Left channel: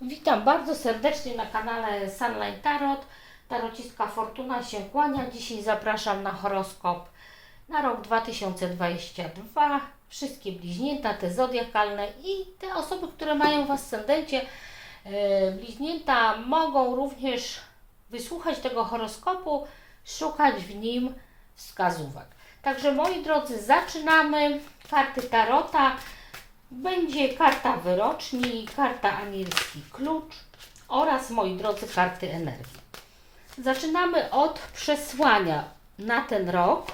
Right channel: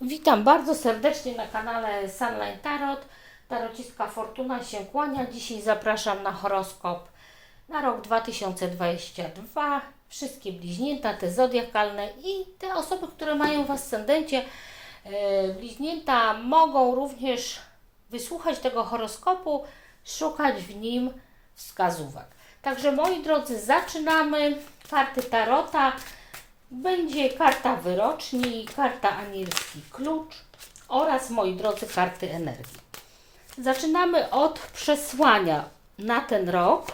Witam bardzo serdecznie na kanale Sunline Tarot. Tarocistka Fortuna się kłania. Dzisiaj zapraszam na horoskop na rok 2022. Wszystkie bliźnięta, te zodiakalne i te osoby, które mają w ascendencie e, bliźnięta mogą również wysłuchać tego horoskopu, szukać w nim wskazówek. Także moi drodzy, zaczynamy. Karty Tarota. Będzie karta wyroczni, karta anielski klucz oraz, moi drodzy, karty energii. Zaczynamy od przesłania na ten rok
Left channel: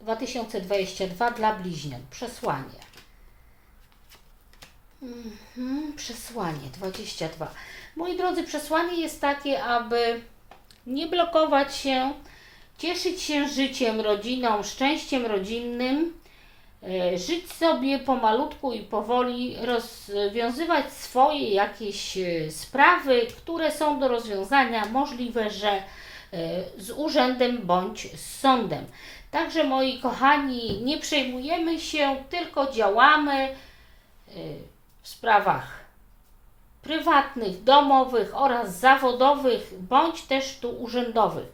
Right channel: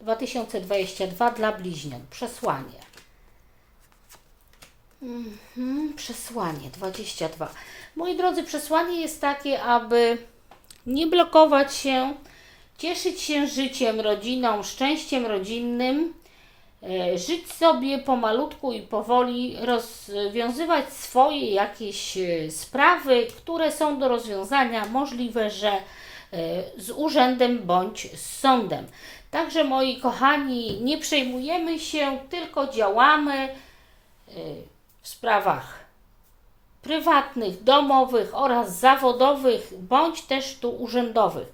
2022 dla bliźniąt. Przesłanie. Mhm, przesłanie 22. Moi drodzy, przesłanie jest takie, aby nie blokować się, cieszyć się życiem, rodziną, szczęściem rodzinnym, żyć sobie pomalutku i powoli, rozwiązywać swoje jakieś e, sprawy, które są do rozwiązania, możliwe, że e, z urzędem bądź z sądem. Także moi kochani, nie przejmujemy się, tylko działamy e, w sprawach prywatnych, domowych oraz zawodowych, bądź też tu urzędowych.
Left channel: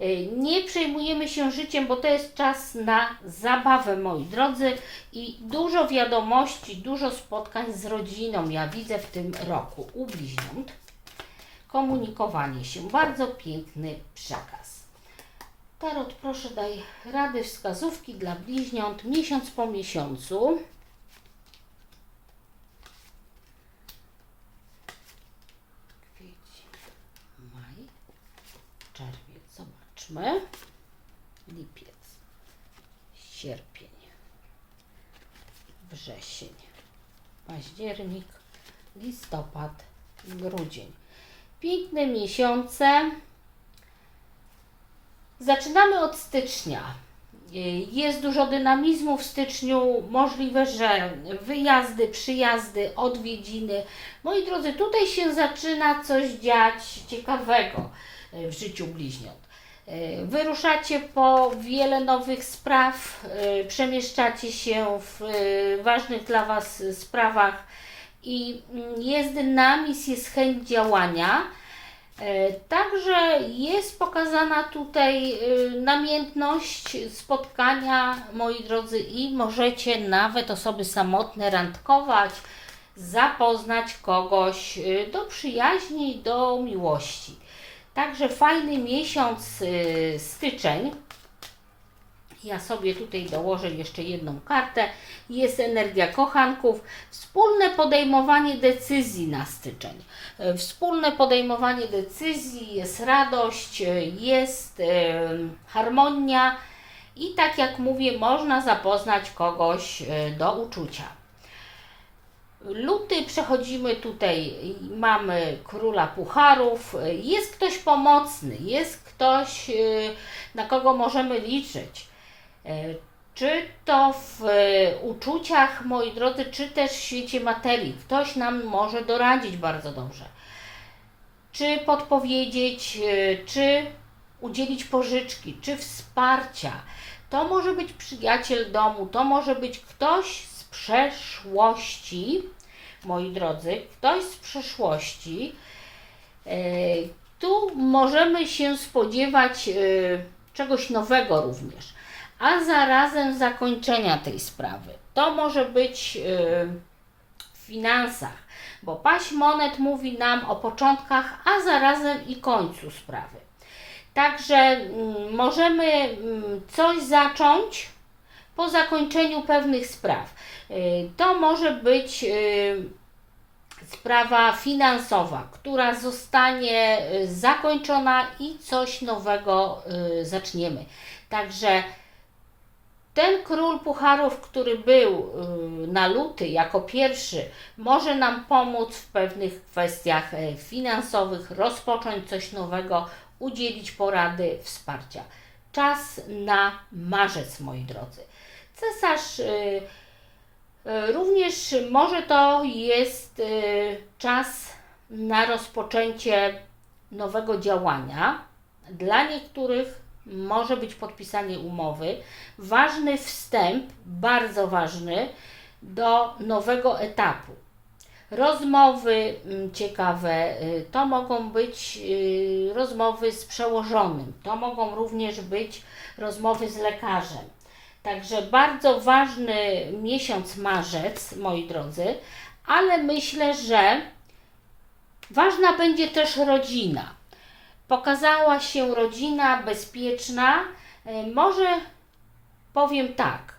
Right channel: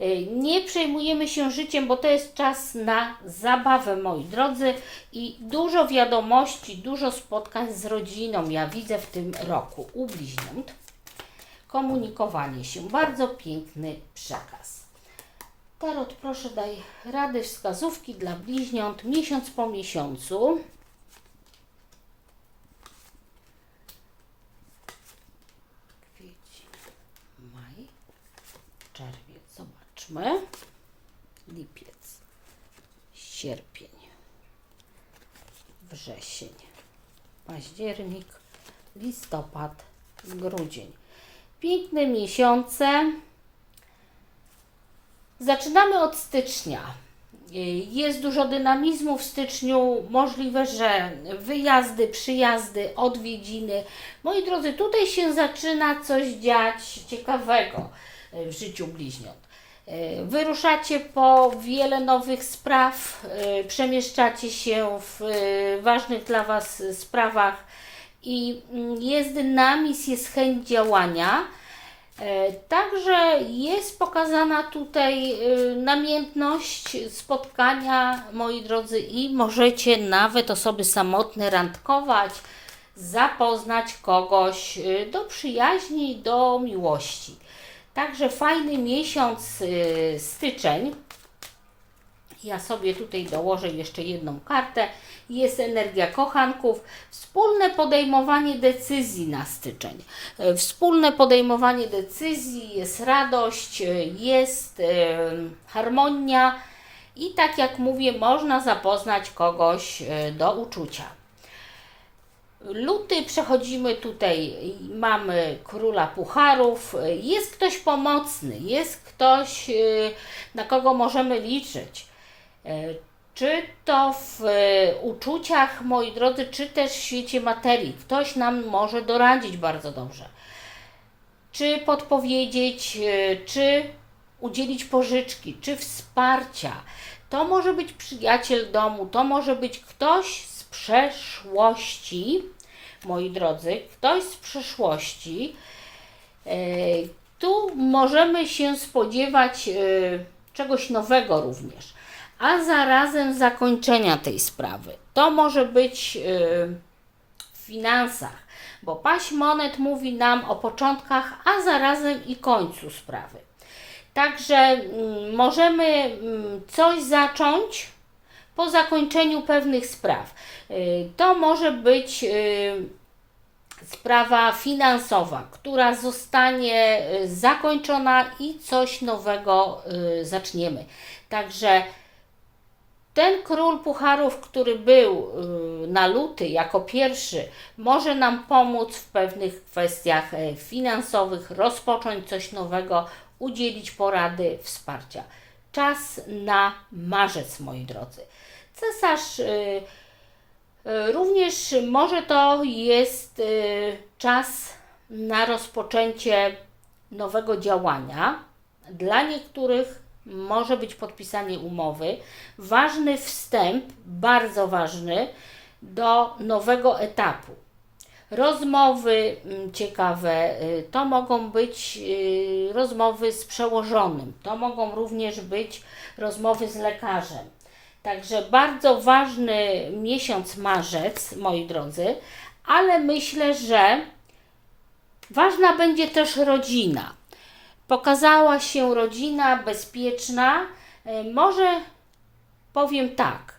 Y, Nie przejmujemy się życiem, bo to jest czas na zabawę, moi drodzy, i dużo wiadomości, dużo spotkań z rodziną ja widzę w tym roku u bliźniąt. Komunikowanie się, bardzo piękny przekaz. Tarot, proszę daj rady, wskazówki dla bliźniąt miesiąc po miesiącu. Kwiecień, maj, czerwiec, Lipiec, sierpień, wrzesień, październik, listopad, grudzień. Piękne miesiące. Zaczynamy od stycznia. Jest dużo dynamizmu w styczniu, możliwe, że wyjazdy, przyjazdy, odwiedziny. Moi drodzy, tutaj się zaczyna coś dziać ciekawego w życiu bliźniąt. Wyruszacie po wiele nowych spraw, przemieszczacie się w ważnych dla Was sprawach i jest dynamizm, jest chęć działania. E, Także jest pokazana tutaj namiętność spotkania, moi drodzy, i możecie nawet osoby samotne randkować, zapoznać kogoś do przyjaźni, do miłości. Także fajny miesiąc y, styczeń. Ja sobie tutaj dołożę jeszcze jedną kartę. Jest energia kochanków. Wspólne podejmowanie decyzji na styczeń. E, Wspólne podejmowanie decyzji, jest radość, e, jest e, harmonia i tak jak mówię, można zapoznać kogoś do uczucia. Luty przechodzimy tutaj, mamy króla pucharów, jest ktoś pomocny, jest ktoś, y, na kogo możemy liczyć. E, Czy to w e, uczuciach, moi drodzy, czy też w świecie materii. Ktoś nam może doradzić bardzo dobrze. Czy podpowiedzieć, czy udzielić pożyczki, czy wsparcia. To może być przyjaciel domu, to może być ktoś z przeszłości, moi drodzy, ktoś z przeszłości. E, Tu możemy się spodziewać e, czegoś nowego również, a zarazem zakończenia tej sprawy. To może być e, w finansach, bo paść monet mówi nam o początkach, a zarazem i końcu sprawy. Także mm, możemy mm, coś zacząć po zakończeniu pewnych spraw. Y, To może być y, sprawa finansowa, która zostanie y, zakończona i coś nowego zaczniemy. Także ten król pucharów, który był na luty jako pierwszy, może nam pomóc w pewnych kwestiach finansowych, rozpocząć coś nowego, udzielić porady, wsparcia. Czas na marzec, moi drodzy. Cesarz y, y, również może to jest y, czas na rozpoczęcie nowego działania. Dla niektórych może być podpisanie umowy. Ważny wstęp, bardzo ważny, do nowego etapu. Rozmowy mm, ciekawe to mogą być rozmowy z przełożonym, to mogą również być rozmowy z lekarzem. Także bardzo ważny miesiąc marzec, moi drodzy, ale myślę, że ważna będzie też rodzina. Pokazała się rodzina bezpieczna. Y, Może powiem tak.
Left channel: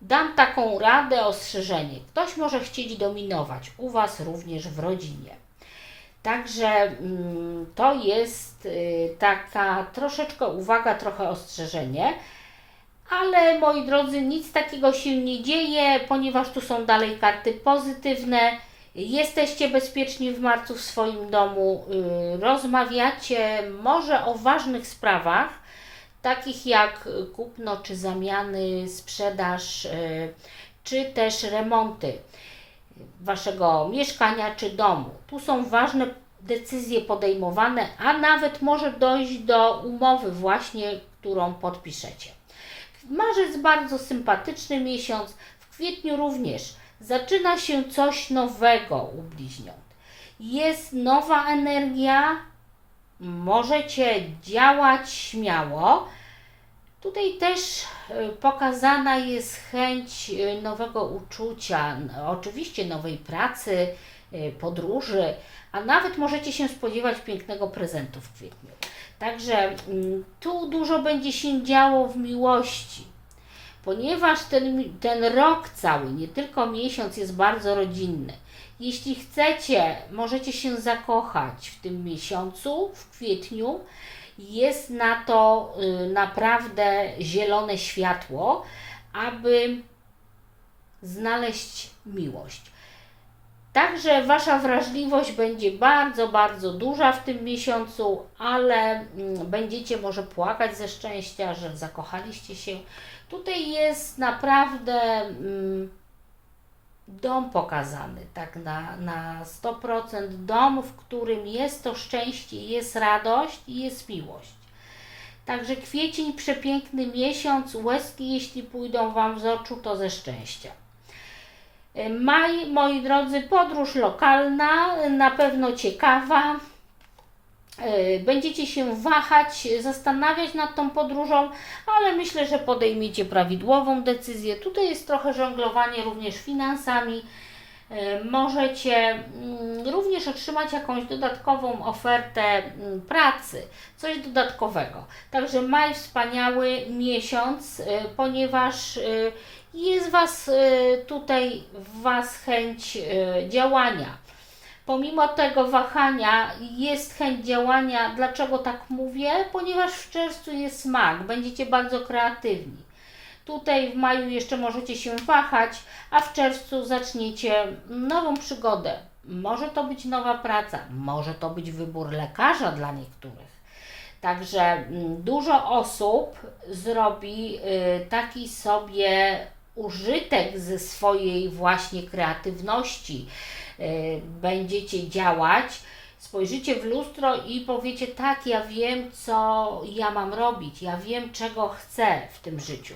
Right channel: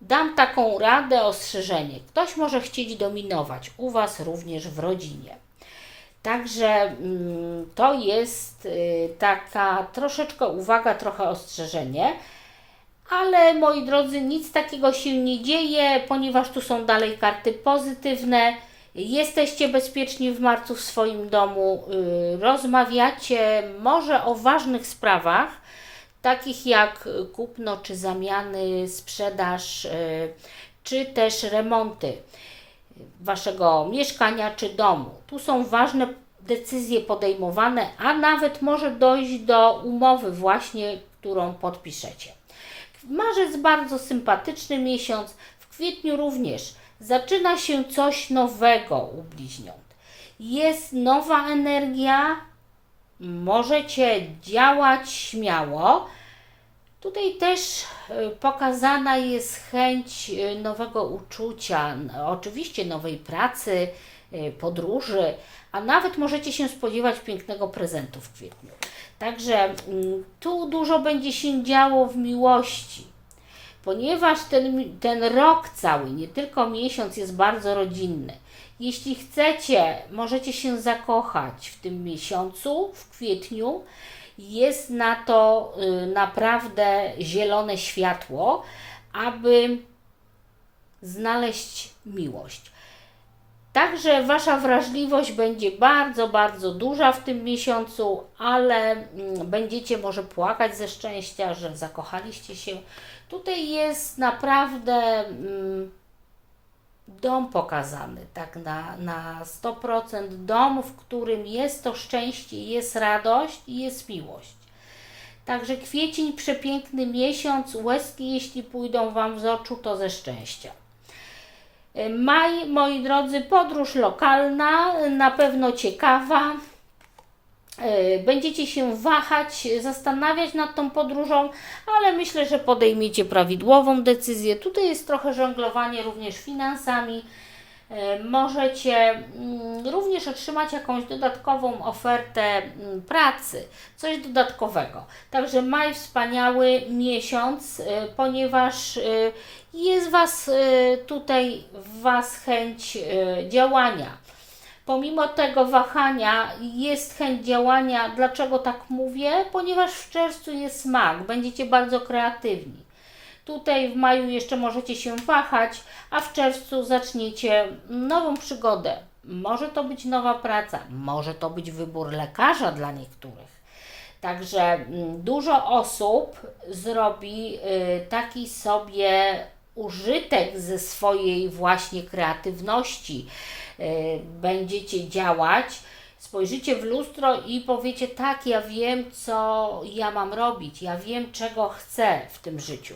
Dam taką radę, ostrzeżenie. Ktoś może chcieć dominować u Was również w rodzinie. Także mm, to jest y, taka troszeczkę uwaga, trochę ostrzeżenie. Ale moi drodzy, nic takiego się nie dzieje, ponieważ tu są dalej karty pozytywne. Jesteście bezpieczni w marcu w swoim domu, y, rozmawiacie może o ważnych sprawach, takich jak kupno czy zamiany, sprzedaż, y, czy też remonty waszego mieszkania czy domu. Tu są ważne decyzje podejmowane, a nawet może dojść do umowy właśnie, którą podpiszecie. Marzec bardzo sympatyczny miesiąc, w kwietniu również zaczyna się coś nowego u bliźniąt. Jest nowa energia, możecie działać śmiało. Tutaj też y, pokazana jest chęć y, nowego uczucia, oczywiście nowej pracy, y, podróży, a nawet możecie się spodziewać pięknego prezentu w kwietniu. Także mm, tu dużo będzie się działo w miłości, ponieważ ten, ten rok cały, nie tylko miesiąc, jest bardzo rodzinny. Jeśli chcecie, możecie się zakochać w tym miesiącu, w kwietniu. Jest na to y, naprawdę zielone światło, aby znaleźć miłość. Także Wasza wrażliwość będzie bardzo, bardzo duża w tym miesiącu, ale mm, będziecie może płakać ze szczęścia, że zakochaliście się. Tutaj jest naprawdę mm, dom pokazany, tak na, na 100%. Dom, w którym jest to szczęście, jest radość i jest miłość. Także kwiecień, przepiękny miesiąc, łezki jeśli pójdą Wam z oczu, to ze szczęścia. Maj, moi drodzy, podróż lokalna, na pewno ciekawa. E, Będziecie się wahać, zastanawiać nad tą podróżą, ale myślę, że podejmiecie prawidłową decyzję. Tutaj jest trochę żonglowanie również finansami. E, Możecie mm, również otrzymać jakąś dodatkową ofertę mm, pracy, coś dodatkowego. Także maj wspaniały miesiąc, e, ponieważ e, jest was tutaj w was chęć działania. Pomimo tego wahania jest chęć działania. Dlaczego tak mówię? Ponieważ w czerwcu jest smak, będziecie bardzo kreatywni. Tutaj w maju jeszcze możecie się wahać, a w czerwcu zaczniecie nową przygodę. Może to być nowa praca, może to być wybór lekarza dla niektórych. Także mm, dużo osób zrobi y, taki sobie użytek ze swojej właśnie kreatywności. Y, Będziecie działać, spojrzycie w lustro i powiecie: Tak, ja wiem, co ja mam robić, ja wiem, czego chcę w tym życiu.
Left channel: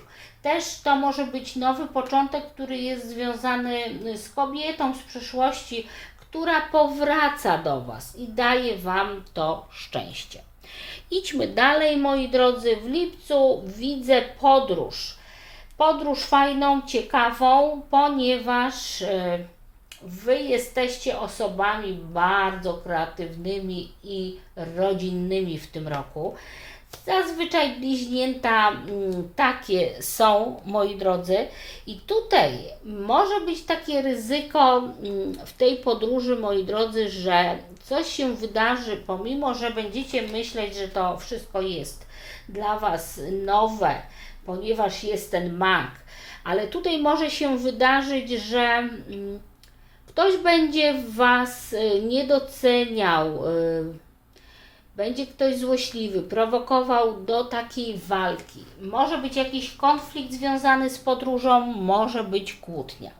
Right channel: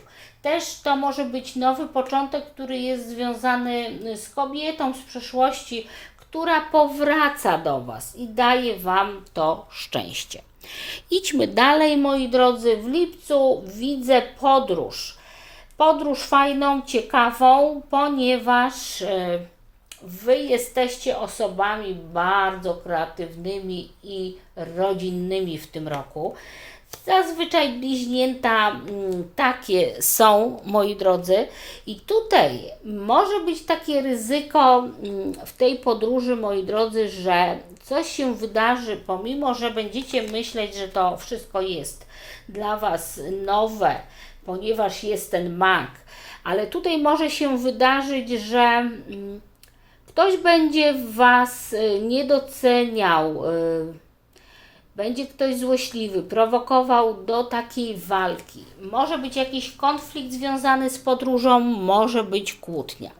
Też to może być nowy początek, który jest związany z kobietą z przeszłości, która powraca do Was i daje Wam to szczęście. Idźmy dalej, moi drodzy. W lipcu widzę podróż. Podróż fajną, ciekawą, ponieważ e, Wy jesteście osobami bardzo kreatywnymi i rodzinnymi w tym roku. Zazwyczaj bliźnięta mm, takie są, moi drodzy, i tutaj może być takie ryzyko mm, w tej podróży, moi drodzy, że coś się wydarzy, pomimo że będziecie myśleć, że to wszystko jest dla Was nowe, ponieważ jest ten mak, ale tutaj może się wydarzyć, że mm, ktoś będzie Was y, nie doceniał. y, będzie ktoś złośliwy, prowokował do takiej walki. Może być jakiś konflikt związany z podróżą, może być kłótnia.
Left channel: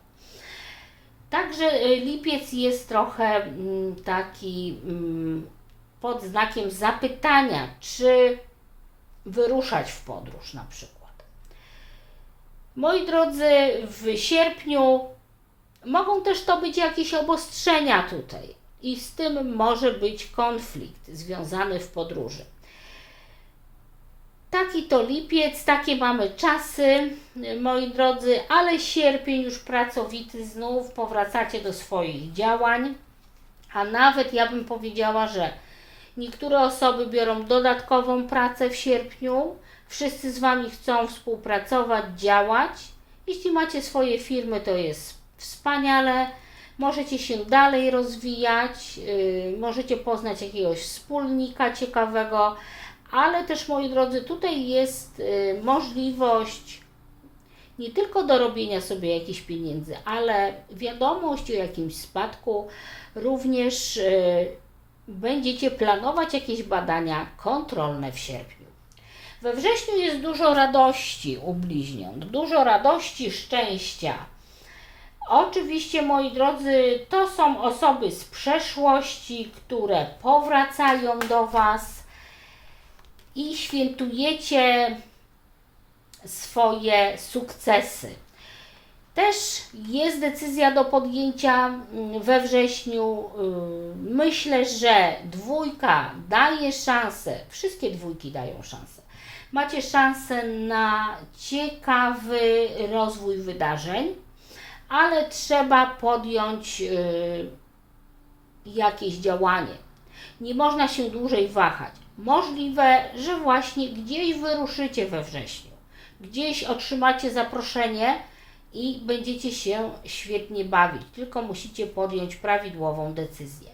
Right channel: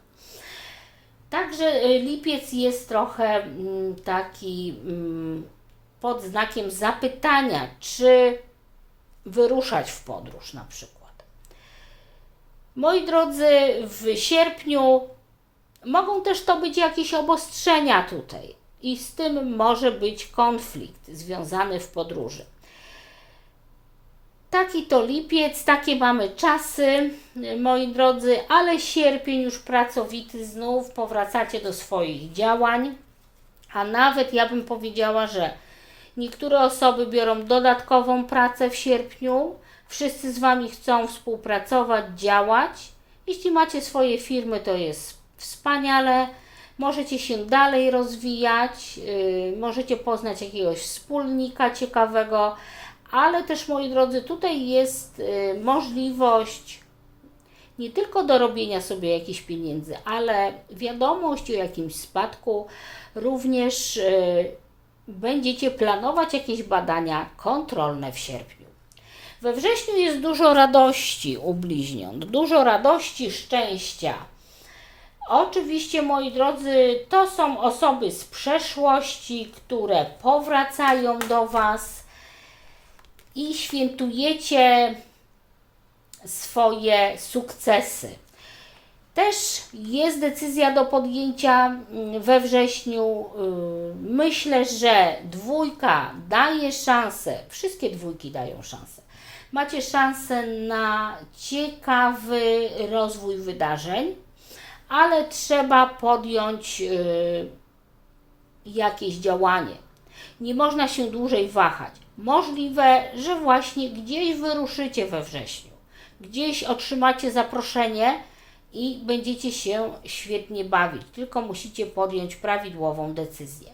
Także y, lipiec jest trochę mm, taki mm, pod znakiem zapytania, czy wyruszać w podróż na przykład. Moi drodzy, w sierpniu Mogą też to być jakieś obostrzenia tutaj i z tym może być konflikt związany w podróży. Taki to lipiec, takie mamy czasy, moi drodzy, ale sierpień już pracowity, znów powracacie do swoich działań, a nawet ja bym powiedziała, że niektóre osoby biorą dodatkową pracę w sierpniu, wszyscy z Wami chcą współpracować, działać. Jeśli macie swoje firmy, to jest wspaniale, możecie się dalej rozwijać, yy, możecie poznać jakiegoś wspólnika ciekawego, ale też moi drodzy, tutaj jest y, możliwość nie tylko do robienia sobie jakichś pieniędzy, ale wiadomość o jakimś spadku, również y, będziecie planować jakieś badania kontrolne w sierpniu. We wrześniu jest dużo radości u bliźniąt, dużo radości, szczęścia. Oczywiście, moi drodzy, to są osoby z przeszłości, które powracają do Was i świętujecie swoje sukcesy. Też jest decyzja do podjęcia mm, we wrześniu. Yy, Myślę, że dwójka daje szansę, wszystkie dwójki dają szansę. Macie szansę na ciekawy rozwój wydarzeń, ale trzeba podjąć yy, jakieś działanie. Nie można się dłużej wahać. Możliwe, że właśnie gdzieś wyruszycie we wrześniu, gdzieś otrzymacie zaproszenie i będziecie się świetnie bawić, tylko musicie podjąć prawidłową decyzję.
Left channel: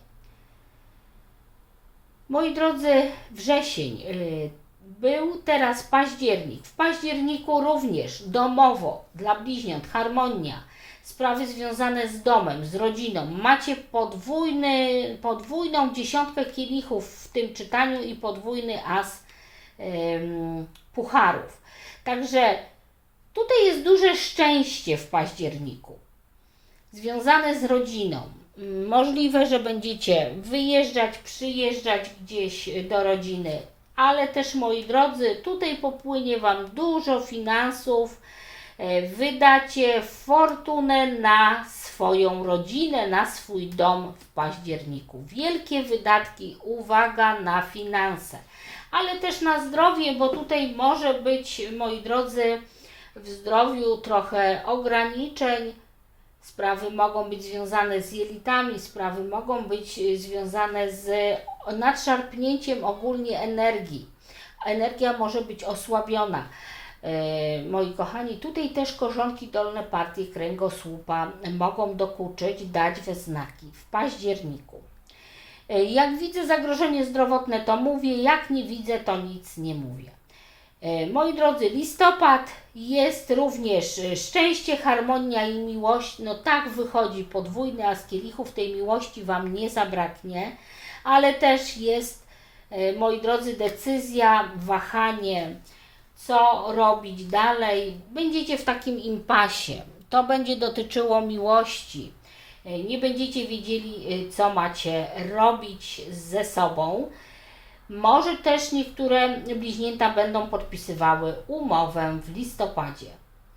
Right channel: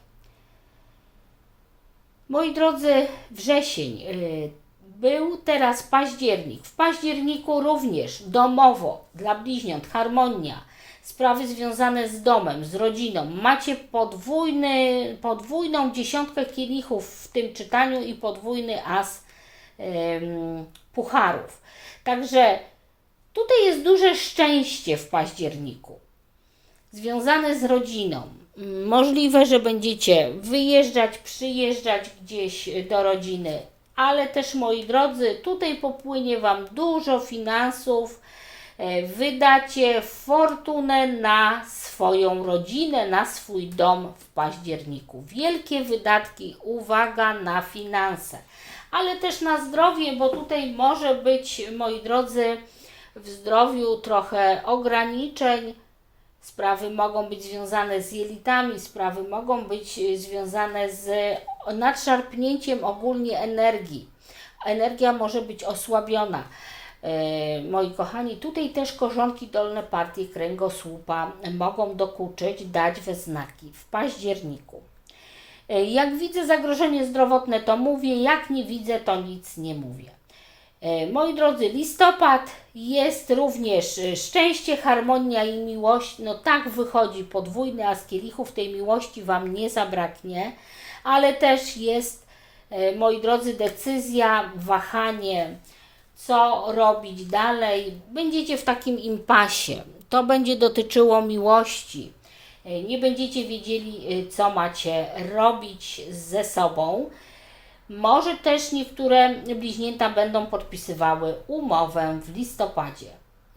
Moi drodzy, wrzesień yy, był teraz październik. W październiku również domowo dla bliźniąt harmonia, sprawy związane z domem, z rodziną. Macie podwójny, podwójną dziesiątkę kielichów w tym czytaniu i podwójny as em, pucharów. Także tutaj jest duże szczęście w październiku, związane z rodziną. Możliwe, że będziecie wyjeżdżać, przyjeżdżać gdzieś do rodziny, ale też moi drodzy, tutaj popłynie Wam dużo finansów, wydacie fortunę na swoją rodzinę, na swój dom w październiku. Wielkie wydatki, uwaga na finanse, ale też na zdrowie, bo tutaj może być, moi drodzy, w zdrowiu trochę ograniczeń. Sprawy mogą być związane z jelitami, sprawy mogą być y, związane z nadszarpnięciem ogólnie energii. Energia może być osłabiona. E, moi kochani, tutaj też korzonki dolne partii kręgosłupa mogą dokuczyć, dać we znaki w październiku. E, Jak widzę zagrożenie zdrowotne, to mówię, jak nie widzę, to nic nie mówię. E, Moi drodzy, listopad jest również szczęście, harmonia i miłość. No tak wychodzi podwójny, a z kielichów tej miłości Wam nie zabraknie, ale też jest, moi drodzy, decyzja, wahanie, co robić dalej. Będziecie w takim impasie. To będzie dotyczyło miłości. Nie będziecie wiedzieli, co macie robić ze sobą. Może też niektóre bliźnięta będą podpisywały umowę w listopadzie.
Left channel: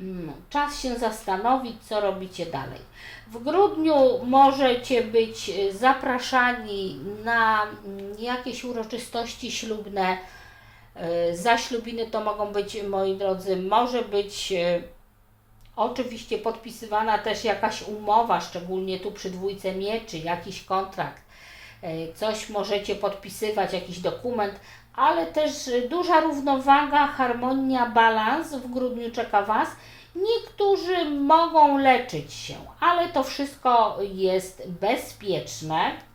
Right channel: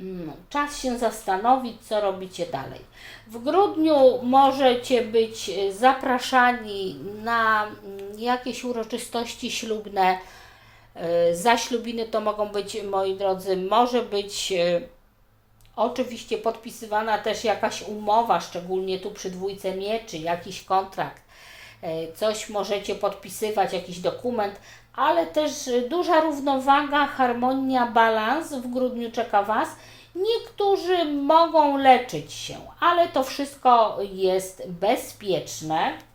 Mm, Czas się zastanowić, co robicie dalej. W grudniu możecie być zapraszani na mm, jakieś uroczystości ślubne. E, Zaślubiny to mogą być, moi drodzy, może być e, oczywiście podpisywana też jakaś umowa, szczególnie tu przy dwójce mieczy, jakiś kontrakt e, coś możecie podpisywać, jakiś dokument, ale też duża równowaga, harmonia, balans w grudniu czeka Was. Niektórzy mogą leczyć się, ale to wszystko jest bezpieczne.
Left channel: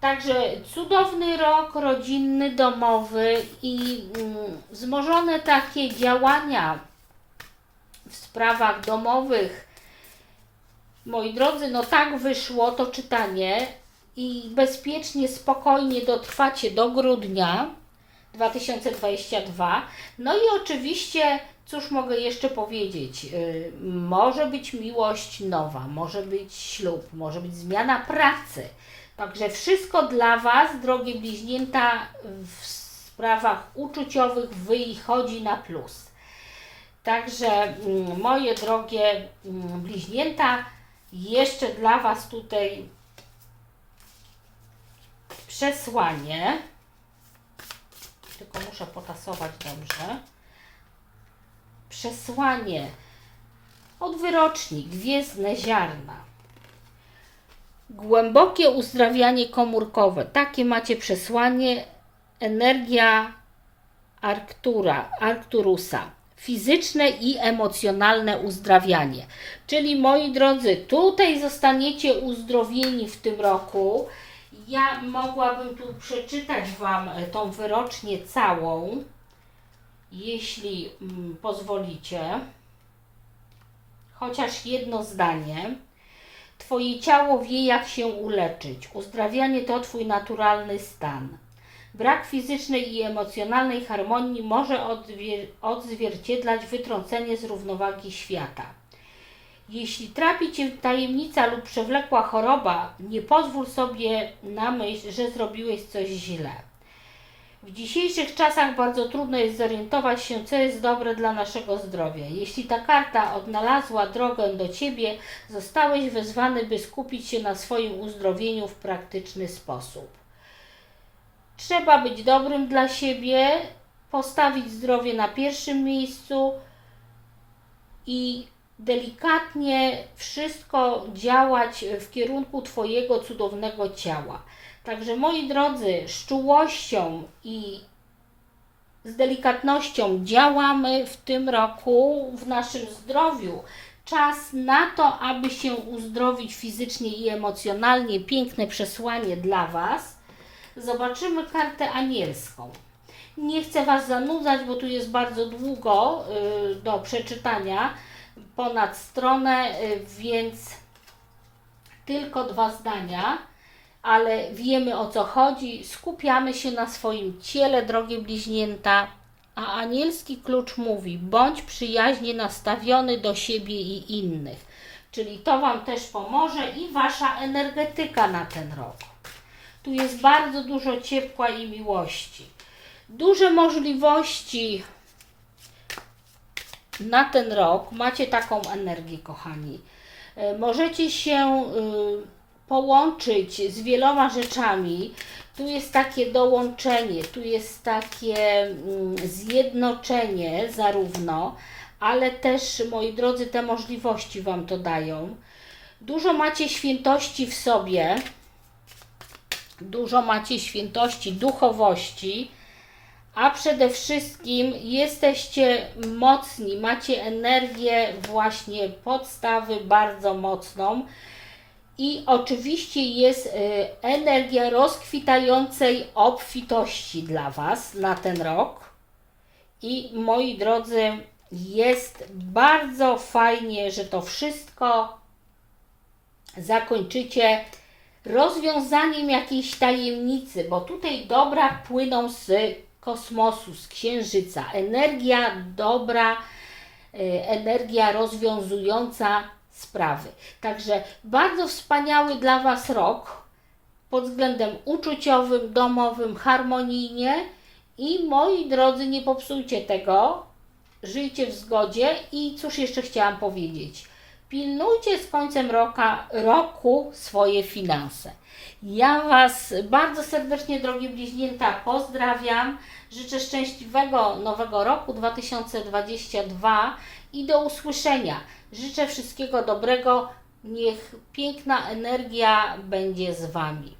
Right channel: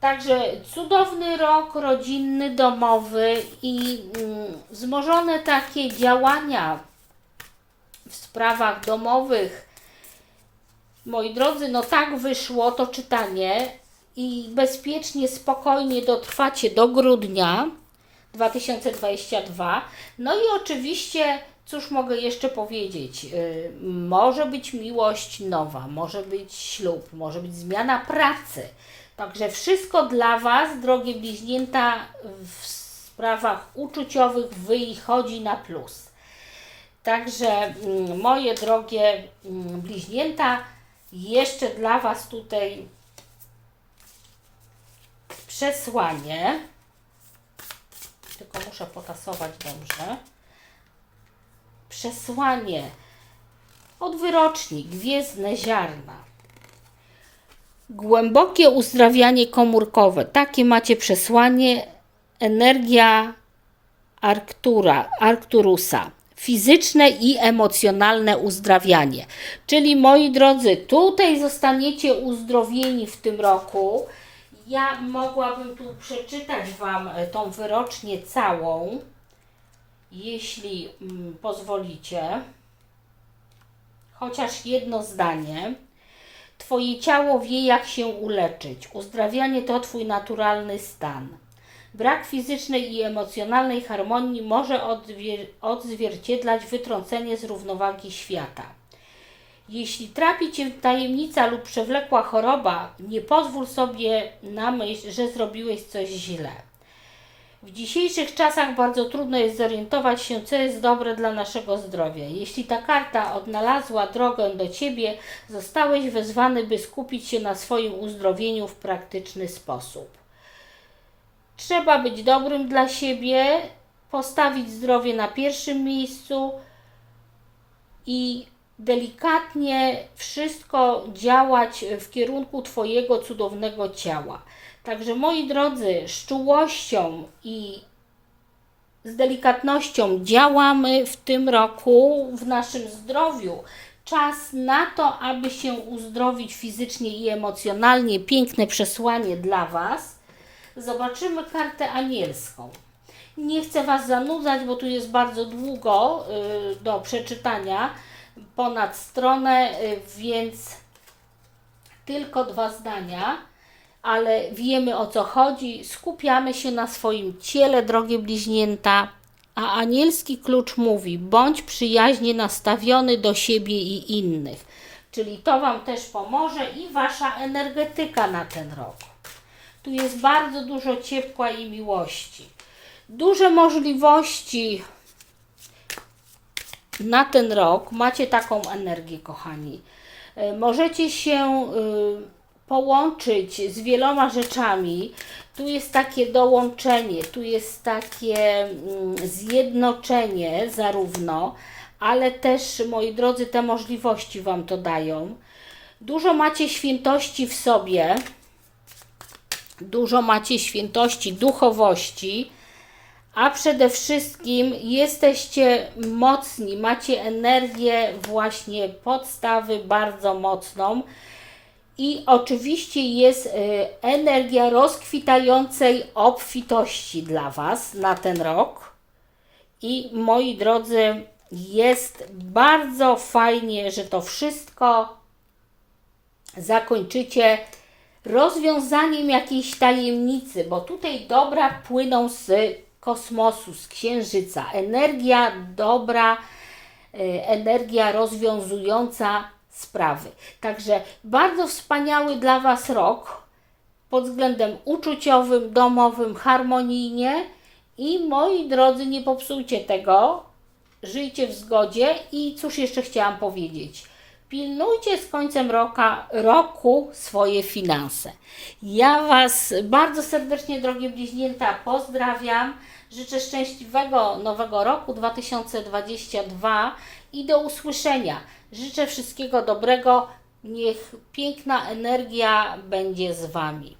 Także cudowny rok rodzinny, domowy i mm, wzmożone takie działania w sprawach domowych. Moi drodzy, no tak wyszło to czytanie i bezpiecznie, spokojnie dotrwacie do grudnia 2022. No i oczywiście, cóż mogę jeszcze powiedzieć? Yy, może być miłość nowa, może być ślub, może być zmiana pracy. Także wszystko dla Was, drogie bliźnięta, w sprawach uczuciowych wychodzi na plus. Także mm, moje drogie mm, bliźnięta, jeszcze dla Was tutaj przesłanie. Tylko muszę potasować dobrze. Przesłanie od wyroczni Gwiezdne Ziarna. Głębokie uzdrawianie komórkowe. Takie macie przesłanie. Energia Arctura, Arcturusa. Fizyczne i emocjonalne uzdrawianie. Czyli moi drodzy, tutaj zostaniecie uzdrowieni w tym roku. Ja mogłabym tu przeczytać Wam e, tą wyrocznię całą, jeśli mm, pozwolicie. Chociaż jedno zdanie. Twoje ciało wie, jak się uleczyć. Uzdrawianie to Twój naturalny stan. Brak fizycznej i emocjonalnej harmonii może odzwier- odzwierciedlać wytrącenie z równowagi świata. Jeśli trapi Cię tajemnica lub przewlekła choroba, nie pozwól sobie na myśl, że zrobiłeś coś źle. W dzisiejszych czasach bardzo trudno jest zorientować się, co jest dobre dla naszego zdrowia. Jeśli ta karta odnalazła drogę do Ciebie, zostałeś wezwany, by skupić się na swoim uzdrowieniu w praktyczny sposób. Trzeba być dobrym dla siebie, postawić zdrowie na pierwszym miejscu i delikatnie wszystko działać w kierunku Twojego cudownego ciała. Także moi drodzy, z czułością i z delikatnością działamy w tym roku w naszym zdrowiu. Czas na to, aby się uzdrowić fizycznie i emocjonalnie. Piękne przesłanie dla Was. Zobaczymy kartę anielską. Nie chcę Was zanudzać, bo tu jest bardzo długo y, do przeczytania, ponad stronę, y, więc tylko dwa zdania, ale wiemy o co chodzi. Skupiamy się na swoim ciele, drogie bliźnięta. A anielski klucz mówi: bądź przyjaźnie nastawiony do siebie i innych. Czyli to Wam też pomoże i Wasza energetyka na ten rok. Tu jest bardzo dużo ciepła i miłości. Duże możliwości na ten rok. Macie taką energię, kochani. E, Możecie się y, połączyć z wieloma rzeczami. Tu jest takie dołączenie, tu jest takie mm, zjednoczenie zarówno, ale też, moi drodzy, te możliwości Wam to dają. Dużo macie świętości w sobie dużo macie świętości, duchowości, a przede wszystkim jesteście mocni, macie energię właśnie podstawy bardzo mocną. I oczywiście jest y, energia rozkwitającej obfitości dla Was na ten rok. I moi drodzy, jest bardzo fajnie, że to wszystko zakończycie rozwiązaniem jakiejś tajemnicy, bo tutaj dobra płyną z kosmosu, z księżyca. Energia dobra, y, energia rozwiązująca sprawy. Także bardzo wspaniały dla Was rok pod względem uczuciowym, domowym, harmonijnie. I moi drodzy, nie popsujcie tego. Żyjcie w zgodzie i cóż jeszcze chciałam powiedzieć. Pilnujcie z końcem roka, roku swoje finanse. Ja Was bardzo serdecznie, drogie bliźnięta, pozdrawiam. Życzę szczęśliwego nowego roku 2022 i do usłyszenia. Życzę wszystkiego dobrego. Niech piękna energia będzie z Wami.